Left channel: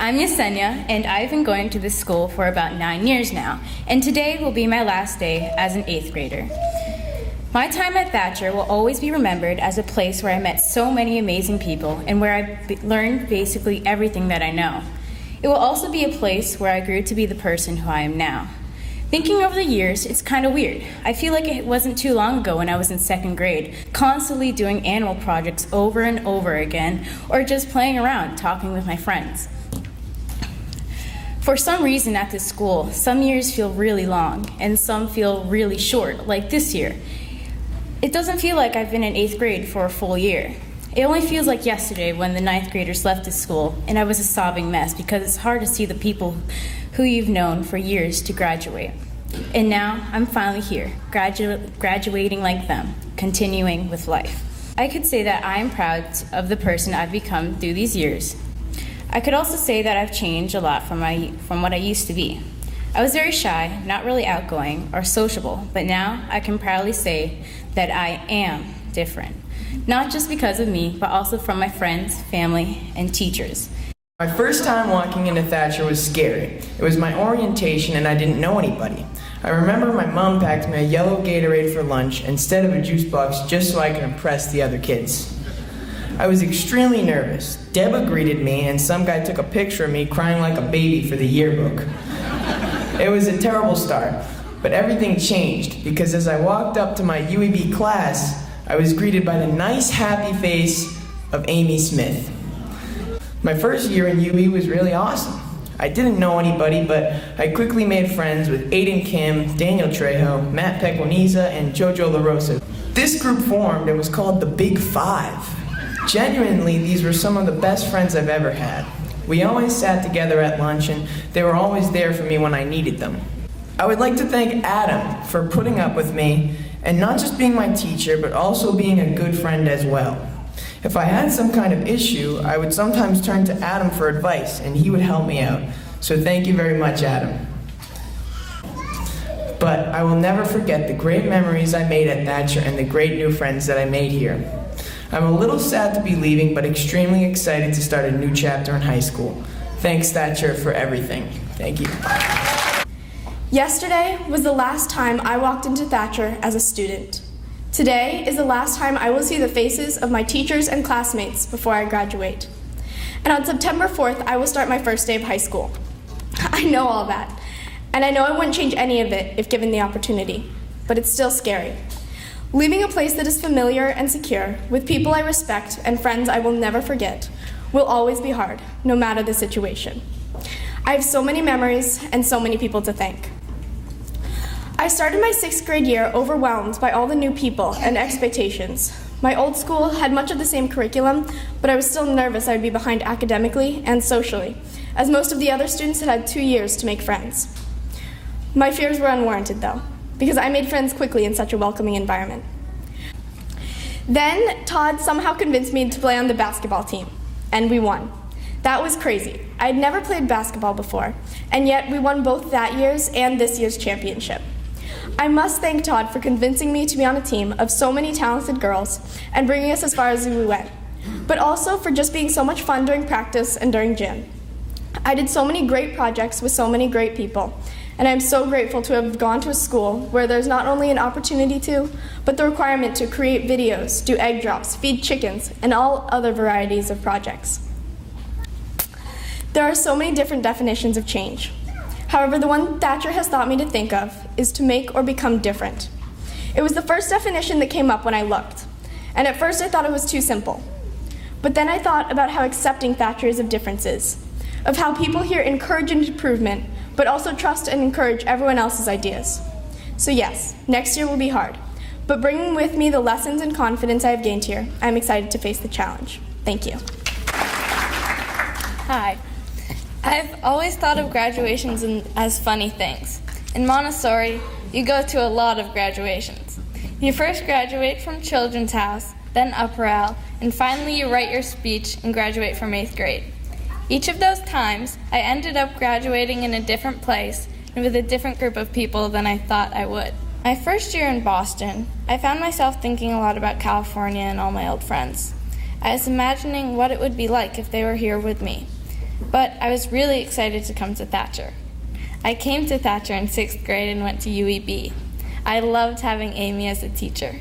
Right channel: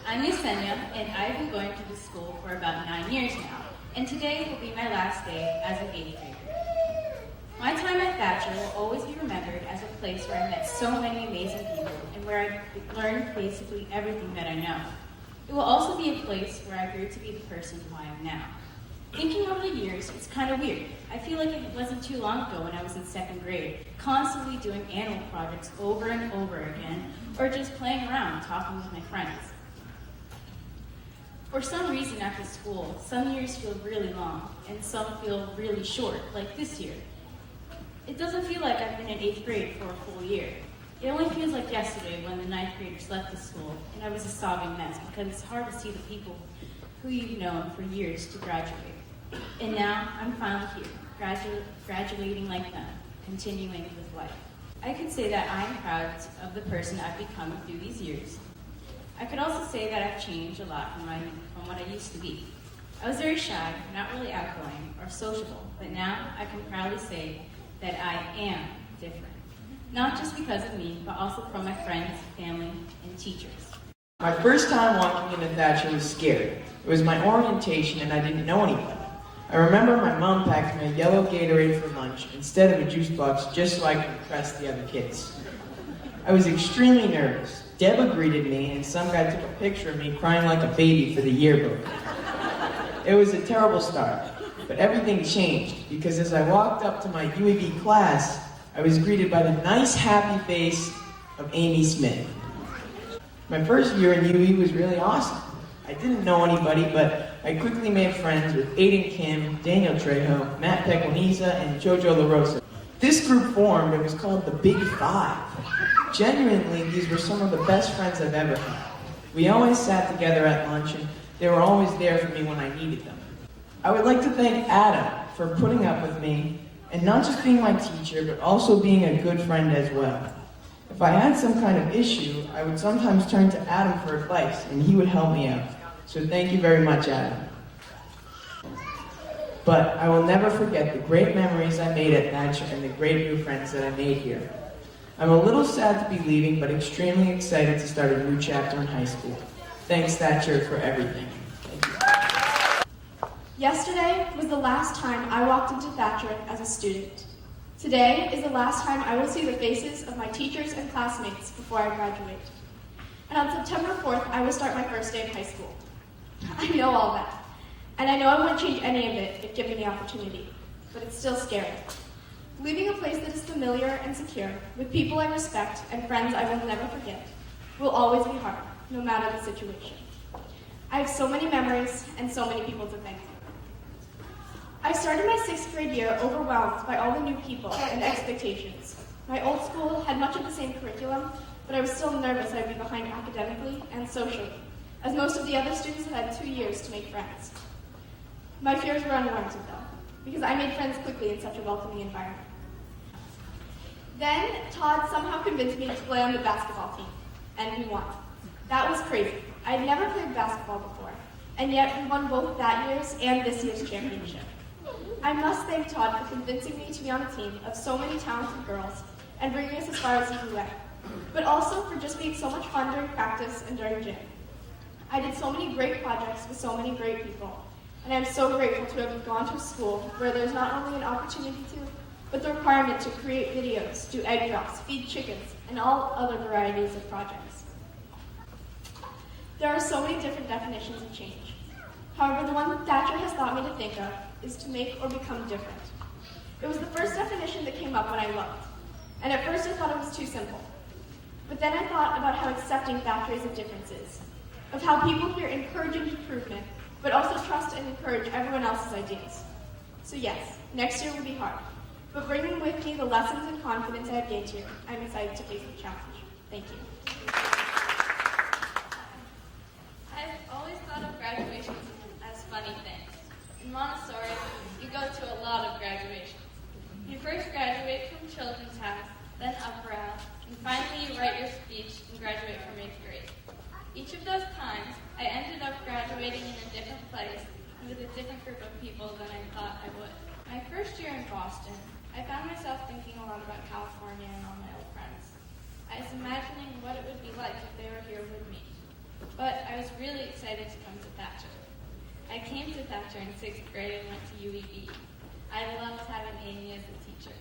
I'm Yesenia, and I've been going to this school for about 9 years now, and today will be my last day as an 8th grader. My time at Thacher will always be remembered as a place where I met so many amazing people and where I learned basically everything that I know. It will also be a place where I grew to be the person who I am now. Thinking over the years, it's kind of weird. I feel like it wasn't too long ago when I was in 2nd grade, constantly doing animal projects over and over again, or just playing around, talking with my friends. For some reason at this school, some years feel really long, and some feel really short, like this year. It doesn't feel like I've been in 8th grade for a full year. It only feels like yesterday when the 9th graders left this school, and I was a sobbing mess because it's hard to see the people who you've known for years to graduate. And now I'm finally here, graduating like them, continuing with life. I could say that I am proud of the person I've become through these years. I could also say that I've changed a lot from what I used to be. I was very shy, not really outgoing or sociable, but now I can proudly say that I am different. Not just because of me, but also from my friends, family, and teachers. My first time walking into Thacher was scary. It was my orientation and I didn't know anybody. I remember my mom packed me a yellow Gatorade for lunch instead of a juice box just so I could impress the other kids. I was extremely nervous. Deba greeted me and some guy took a picture of me crying like a baby for the yearbook. It was a terrible start, but everything changed because as I walked up to my UEB class, I was greeted by the nice, happy face of Amy Smith. My first year in UE was really awesome. I didn't know anybody, but I quickly made friends with Aiden Kim, Daniel Trejo, Matt Pequeniza, and Jojo LaRosa. This group formed and was called the Big Five. Genuinely, these were some of the best friends I've ever had. We always sat together at lunch, and they were always there for me when I needed them. I would like to thank Adam for putting up with me, and not just being my teacher, but also being a good friend as well. If I had some kind of issue, I would sometimes turn to Adam for advice, and he would help me out. So thank you very much, Adam. But I will never forget the great memories I made at Thacher and the great new friends that I made here. I'm a little sad to be leaving, but extremely excited to start a new chapter in high school. Thanks, Thacher, for everything. Thank you. Yesterday was the last time I walked into Thacher as a student. Today is the last time I will see the faces of my teachers and classmates before I graduate. And on September 4th, I will start my first day of high school. I know all that, and I know I wouldn't change any of it if given the opportunity, but it's still scary. Leaving a place that is familiar and secure, with people I respect and friends I will never forget, will always be hard, no matter the situation. I have so many memories and so many people to thank. I started my 6th grade year overwhelmed by all the new people and expectations. My old school had much of the same curriculum, but I was still nervous I'd be behind academically and socially, as most of the other students had 2 years to make friends. My fears were unwarranted, though, because I made friends quickly in such a welcoming environment. Then Todd somehow convinced me to play on the basketball team, and we won. That was crazy. I had never played basketball before, and yet we won both that year's and this year's championship. I must thank Todd for convincing me to be on a team of so many talented girls and bringing us as far as we went, but also for just being so much fun during practice and during gym. I did so many great projects with so many great people, and I'm so grateful to have gone to a school where there's not only an opportunity to, but the requirement to create videos, do egg drops, feed chickens, and all other varieties of projects. There are so many different definitions of change. However, the one Thacher has taught me to think of is to make or become different. It was the first definition that came up when I looked, and at first I thought it was too simple. But then I thought about how accepting Thacher is of differences, of how people here encourage improvement, but also trust and encourage everyone else's ideas. So yes, next year will be hard, but bringing with me the lessons and confidence I have gained here, I'm excited to face the challenge. Thank you. Hi. I've always thought of graduations as funny things. In Montessori, you go to a lot of graduations. You first graduate from Children's House, then Upper L, and finally you write your speech and graduate from 8th grade. Each of those times, I ended up graduating in a different place and with a different group of people than I thought I would. My first year in Boston, I found myself thinking a lot about California and all my old friends. I was imagining what it would be like if they were here with me. But I was really excited to come to Thacher. I came to Thacher in 6th grade and went to UEB. I loved having Amy as a teacher.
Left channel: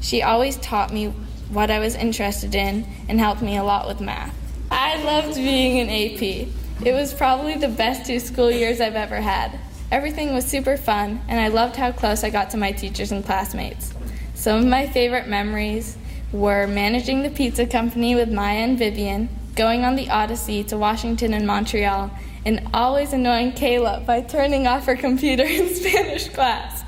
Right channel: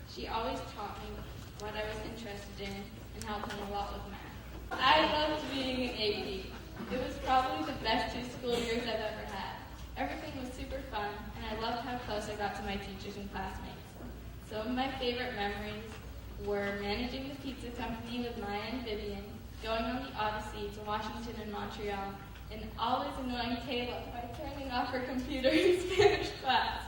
She always taught me what I was interested in and helped me a lot with math. I loved being an AP. It was probably the best 2 school years I've ever had. Everything was super fun, and I loved how close I got to my teachers and classmates. Some of my favorite memories were managing the pizza company with Maia and Vivian, going on the Odyssey to Washington and Montreal, and always annoying Kayla by turning off her computer in Spanish class.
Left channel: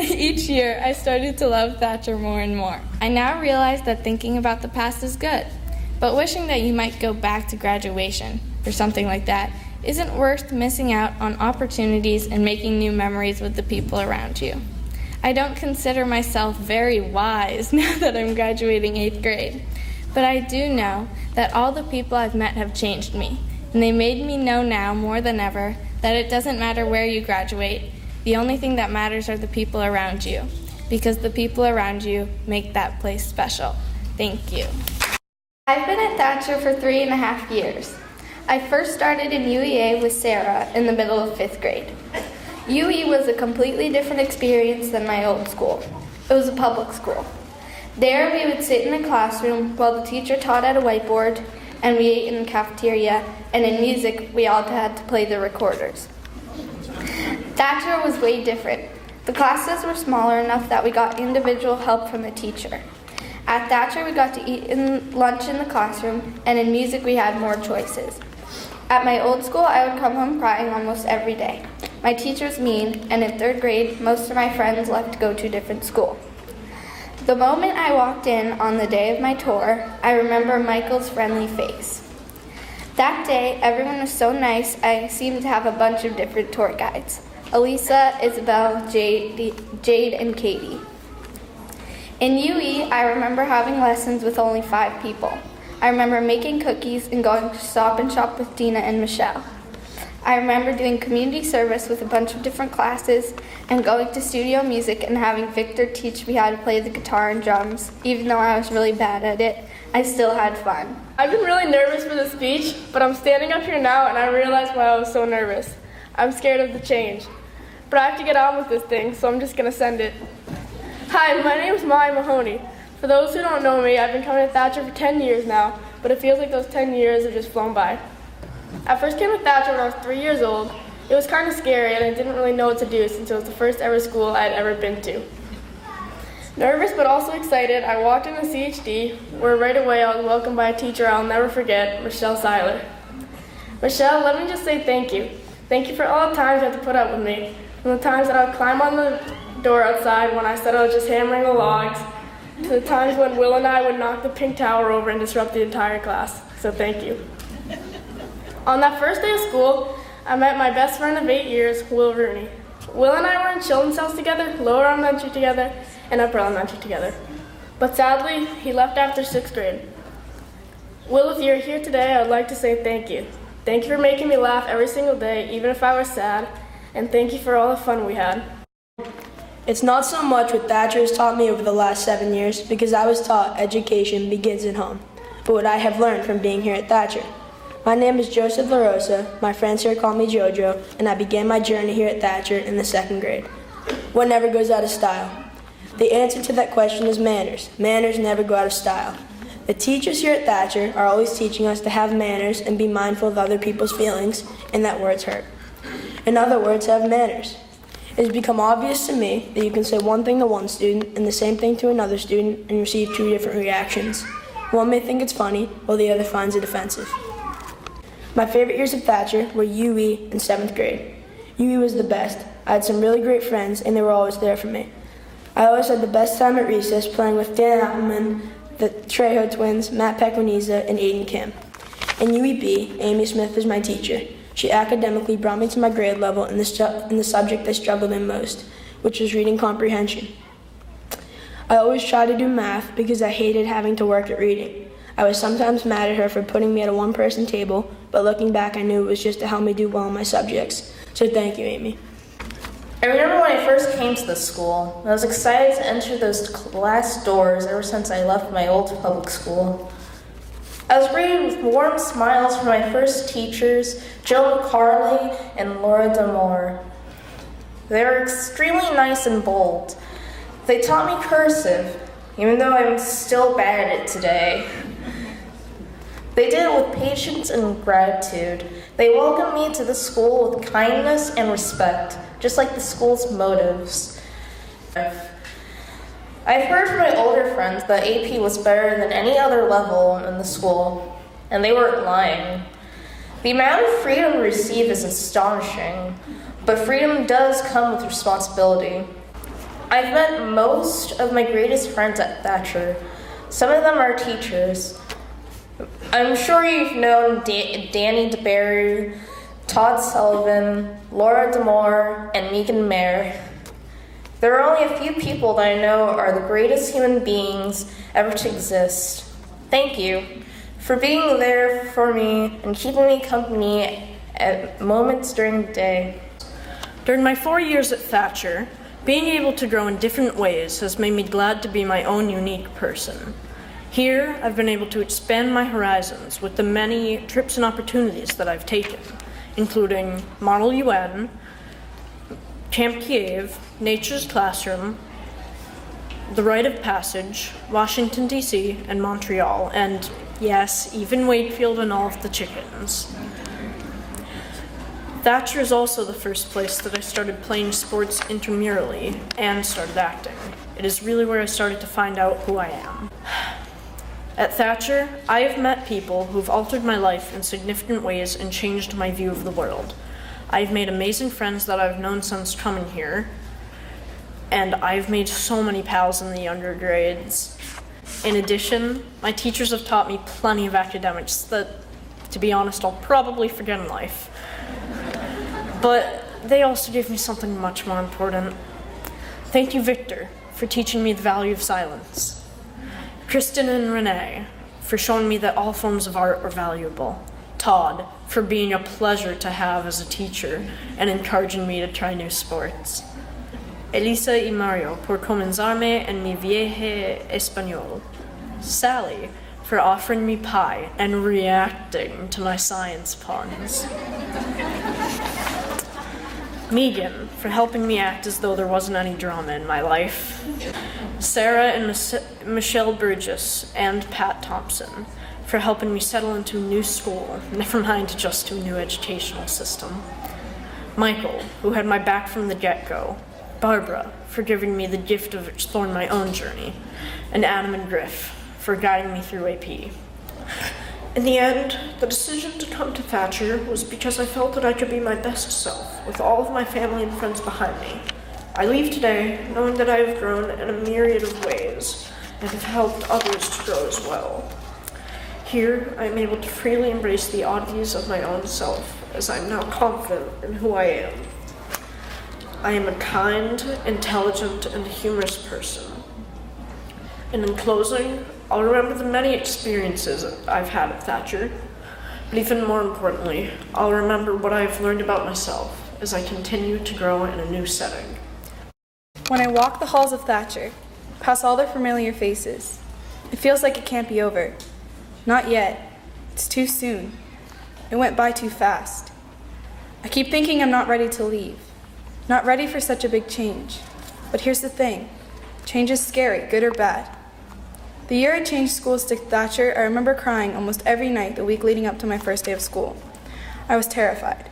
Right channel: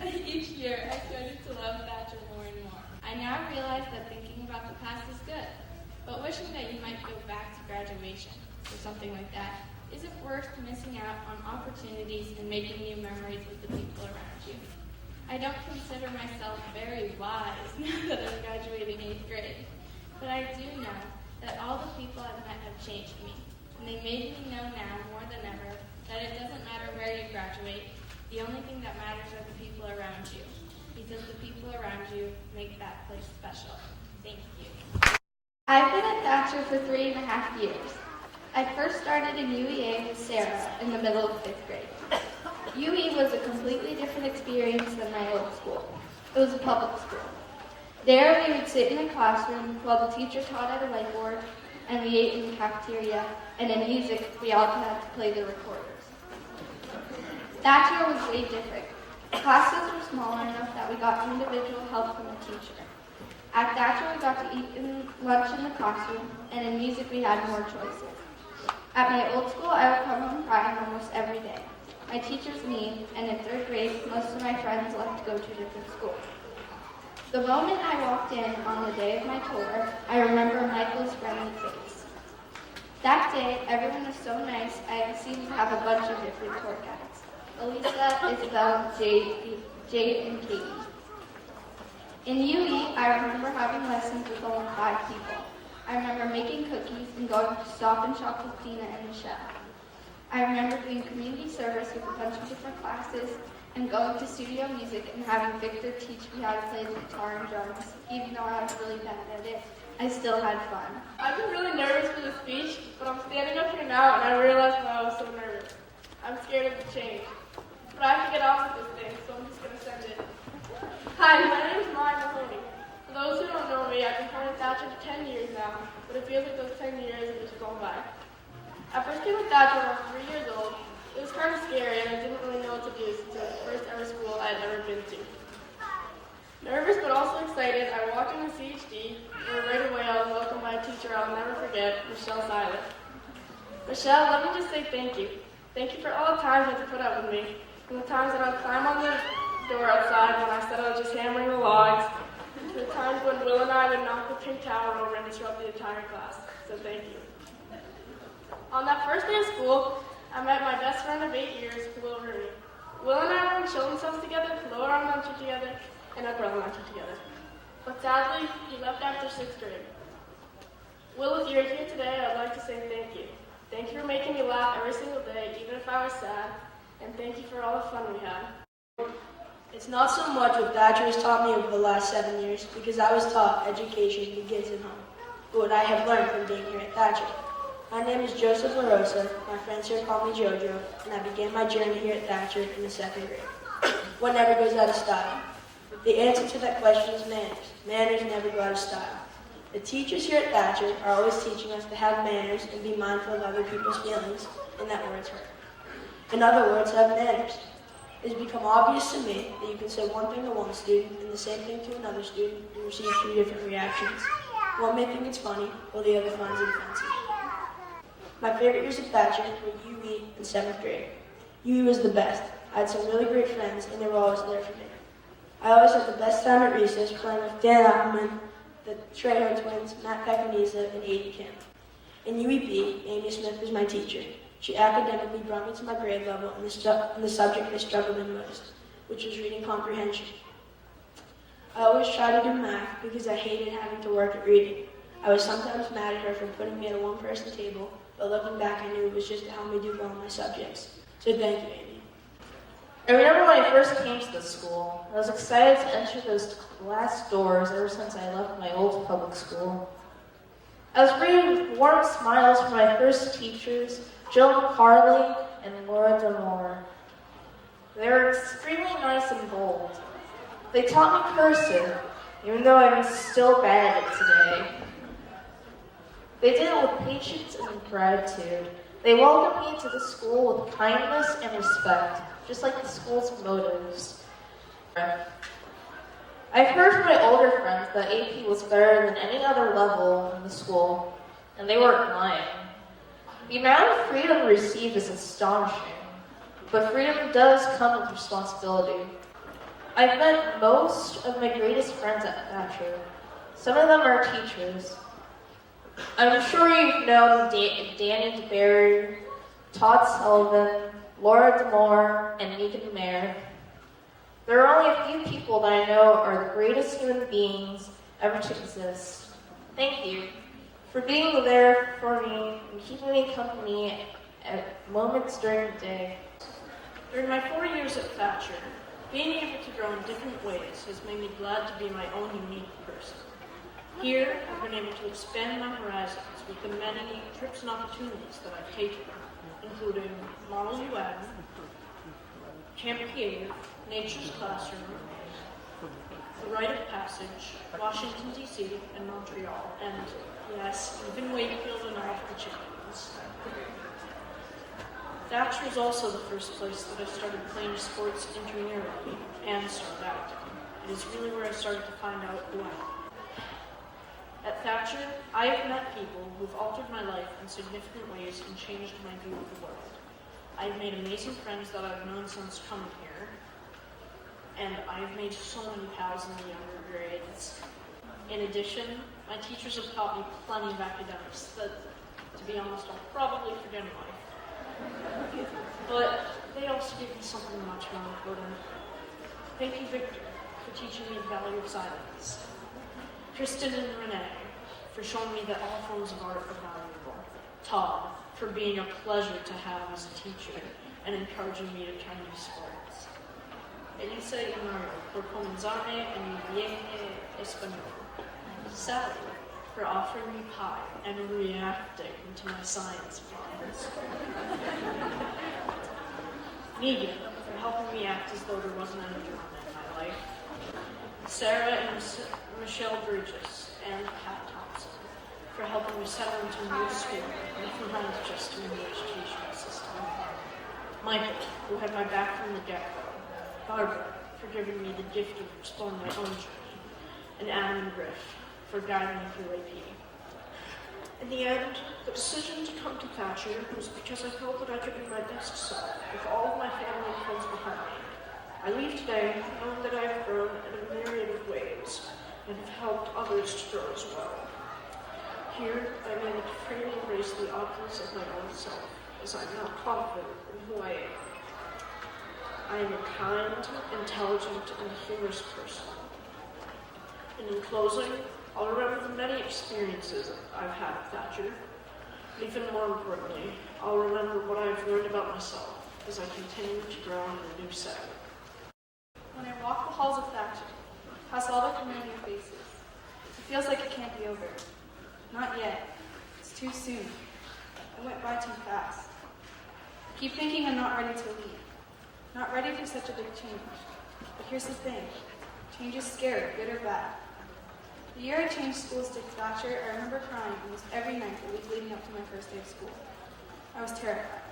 Each year, I started to love Thacher more and more. I now realize that thinking about the past is good, but wishing that you might go back to graduation or something like that isn't worth missing out on opportunities and making new memories with the people around you. I don't consider myself very wise now that I'm graduating 8th grade, but I do know that all the people I've met have changed me, and they made me know now more than ever that it doesn't matter where you graduate. The only thing that matters are the people around you, because the people around you make that place special. Thank you. I've been at Thacher for 3.5 years. I first started in UEA with Sarah in the middle of 5th grade. UE was a completely different experience than my old school. It was a public school. There we would sit in a classroom while the teacher taught at a whiteboard, and we ate in the cafeteria, and in music we all had to play the recorders. Thacher was way different. The classes were smaller enough that we got individual help from the teacher. At Thacher we got to eat lunch in the classroom, and in music we had more choices. At my old school, I would come home crying almost every day. My teacher was mean, and in 3rd grade, most of my friends left to go to a different school. The moment I walked in on the day of my tour, I remember Michael's friendly face. That day, everyone was so nice, I seemed to have a bunch of different tour guides. Elisa, Isabel, Jade, and Katie. In UE, I remember having lessons with only 5 people. I remember making cookies and going to Stop and Shop with Dina and Michelle. I remember doing community service with a bunch of different classes and going to studio music and having Victor teach me how to play the guitar and drums. Even though I was really bad at it, I still had fun. I've been really nervous for this speech, but I'm standing up here now and I realize why I was so nervous. I'm scared of the change. But I have to get on with this thing, so I'm just going to send it. Hi, my name is Maia Mahoney. For those who don't know me, I've been coming to Thacher for 10 years now, but it feels like those 10 years have just flown by. I first came to Thacher when I was 3 years old. It was kind of scary and I didn't really know what to do since it was the first ever school I had ever been to. Nervous but also excited, I walked into CHD, where right away I was welcomed by a teacher I'll never forget, Michelle Seiler. Michelle, let me just say thank you. Thank you for all the times you had to put up with me, from the times that I would climb on the door outside when I said I was just hammering the logs, to the times when Will and I would knock the pink tower over and disrupt the entire class. So thank you. On that first day of school, I met my best friend of 8 years, Will Rooney. Will and I were in children's house together, lower elementary together, and upper elementary together. But sadly, he left after 6th grade. Will, if you're here today, I'd like to say thank you. Thank you for making me laugh every single day, even if I was sad, and thank you for all the fun we had. It's not so much what Thacher has taught me over the last 7 years, because I was taught education begins at home, but what I have learned from being here at Thacher. My name is Joseph LaRosa, my friends here call me Jojo, and I began my journey here at Thacher in the 2nd grade. What never goes out of style? The answer to that question is manners. Manners never go out of style. The teachers here at Thacher are always teaching us to have manners and be mindful of other people's feelings, and that words hurt. In other words, have manners. It has become obvious to me that you can say one thing to one student and the same thing to another student and receive 2 different reactions. One may think it's funny, while the other finds it offensive. My favorite years at Thacher were UE and 7th grade. UE was the best. I had some really great friends, and they were always there for me. I always had the best time at recess playing with Dan Appleman, the Trejo twins, Matt Pequeniza, and Aiden Kim. In UEB, Amy Smith was my teacher. She academically brought me to my grade level in the subject I struggled in most, which was reading comprehension. I always tried to do math because I hated having to work at reading. I was sometimes mad at her for putting me at a one-person table, but looking back I knew it was just to help me do well in my subjects. So thank you, Amy. I remember when I first came to the school. I was excited to enter those class doors ever since I left my old public school. I was greeted with warm smiles from my first teachers, Gill and Laura. They were extremely nice and bold. They taught me cursive, even though I'm still bad at it today. They did it with patience and gratitude. They welcomed me to the school with kindness and respect, just like the school's motives. I've heard from my older friends that AP was better than any other level in the school, and they weren't lying. The amount of freedom we receive is astonishing, but freedom does come with responsibility. I've met most of my greatest friends at Thacher. Some of them are teachers. I'm sure you've known Danny DeBerry, Todd Sullivan, Laura DeMore, and Megan Mayer. There are only a few people that I know are the greatest human beings ever to exist. Thank you for being there for me and keeping me company at moments during the day. During my 4 years at Thacher, being able to grow in different ways has made me glad to be my own unique person. Here, I've been able to expand my horizons with the many trips and opportunities that I've taken, including Model UN, Camp Kiev, Nature's Classroom, The Rite of Passage, Washington, D.C., and Montreal, and yes, even Wakefield and all of the chickens. Thacher is also the first place that I started playing sports intramurally and started acting. It is really where I started to find out who I am. At Thacher, I have met people who've altered my life in significant ways and changed my view of the world. I've made amazing friends that I've known since coming here, and I've made so many pals in the younger grades. In addition, my teachers have taught me plenty of academics that, to be honest, I'll probably forget in life. But they also gave me something much more important. Thank you, Victor, for teaching me the value of silence. Kristen and Renee, for showing me that all forms of art are valuable. Todd, for being a pleasure to have as a teacher and encouraging me to try new sports. Elisa y Mario, por comenzarme en mi viaje español. Sally, for offering me pie and reacting to my science puns. Megan, for helping me act as though there wasn't any drama in my life. Sarah and Michelle Burgess and Pat Thompson, for helping me settle into a new school, never mind just to a new educational system. Michael, who had my back from the get-go. Barbara, for giving me the gift of exploring my own journey. And Adam and Griff, for guiding me through AP. In the end, the decision to come to Thacher was because I felt that I could be my best self with all of my family and friends behind me. I leave today knowing that I have grown in a myriad of ways and have helped others to grow as well. Here, I am able to freely embrace the oddities of my own self as I am now confident in who I am. I am a kind, intelligent, and humorous person. And in closing, I'll remember the many experiences I've had at Thacher, but even more importantly, I'll remember what I've learned about myself as I continue to grow in a new setting. When I walk the halls of Thacher, past all their familiar faces, it feels like it can't be over. Not yet. It's too soon. It went by too fast. I keep thinking I'm not ready to leave. Not ready for such a big change. But here's the thing. Change is scary, good or bad. The year I changed schools to Thacher, I remember crying almost every night the week leading up to my first day of school. I was terrified.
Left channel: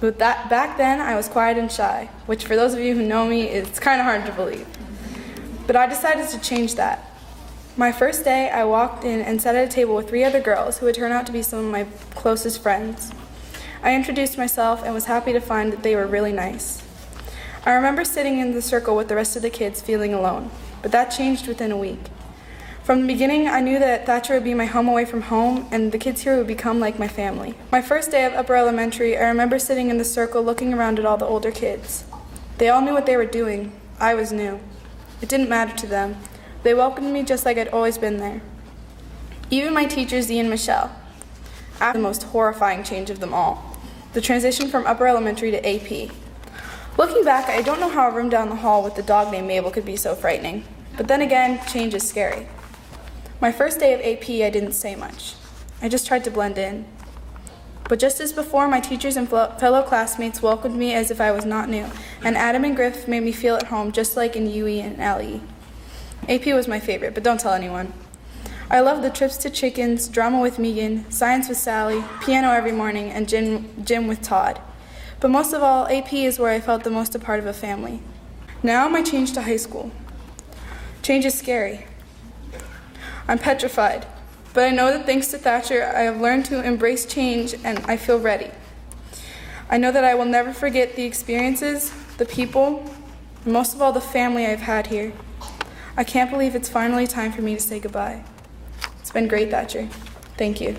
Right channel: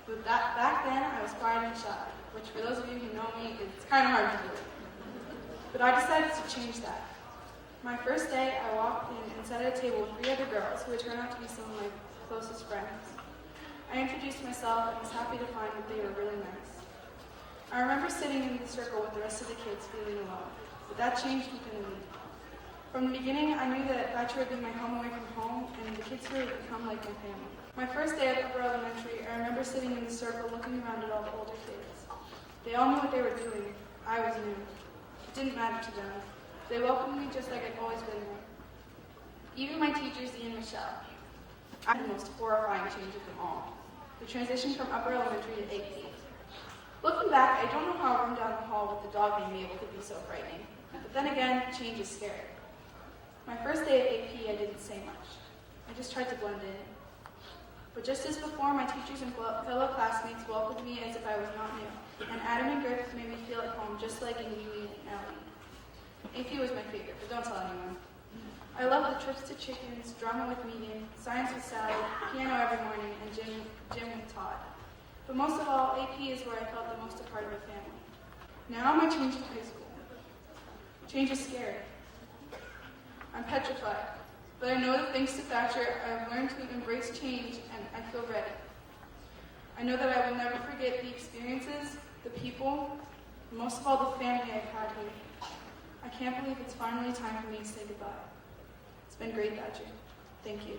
But back then, I was quiet and shy, which for those of you who know me, it's kind of hard to believe. But I decided to change that. My first day, I walked in and sat at a table with 3 other girls who would turn out to be some of my closest friends. I introduced myself and was happy to find that they were really nice. I remember sitting in the circle with the rest of the kids feeling alone, but that changed within a week. From the beginning, I knew that Thacher would be my home away from home, and the kids here would become like my family. My first day of upper elementary, I remember sitting in the circle looking around at all the older kids. They all knew what they were doing. I was new. It didn't matter to them. They welcomed me just like I'd always been there. Even my teachers, Dee and Michelle. After the most horrifying change of them all, the transition from upper elementary to AP. Looking back, I don't know how a room down the hall with the dog named Mabel could be so frightening. But then again, change is scary. My first day of AP, I didn't say much. I just tried to blend in. But just as before, my teachers and fellow classmates welcomed me as if I was not new, and Adam and Griff made me feel at home, just like in UE and LE. AP was my favorite, but don't tell anyone. I loved the trips to Chickens, drama with Megan, science with Sally, piano every morning, and gym with Todd. But most of all, AP is where I felt the most a part of a family. Now my change to high school. Change is scary. I'm petrified. But I know that thanks to Thacher, I have learned to embrace change and I feel ready. I know that I will never forget the experiences, the people, and most of all the family I've had here. I can't believe it's finally time for me to say goodbye. It's been great, Thacher. Thank you.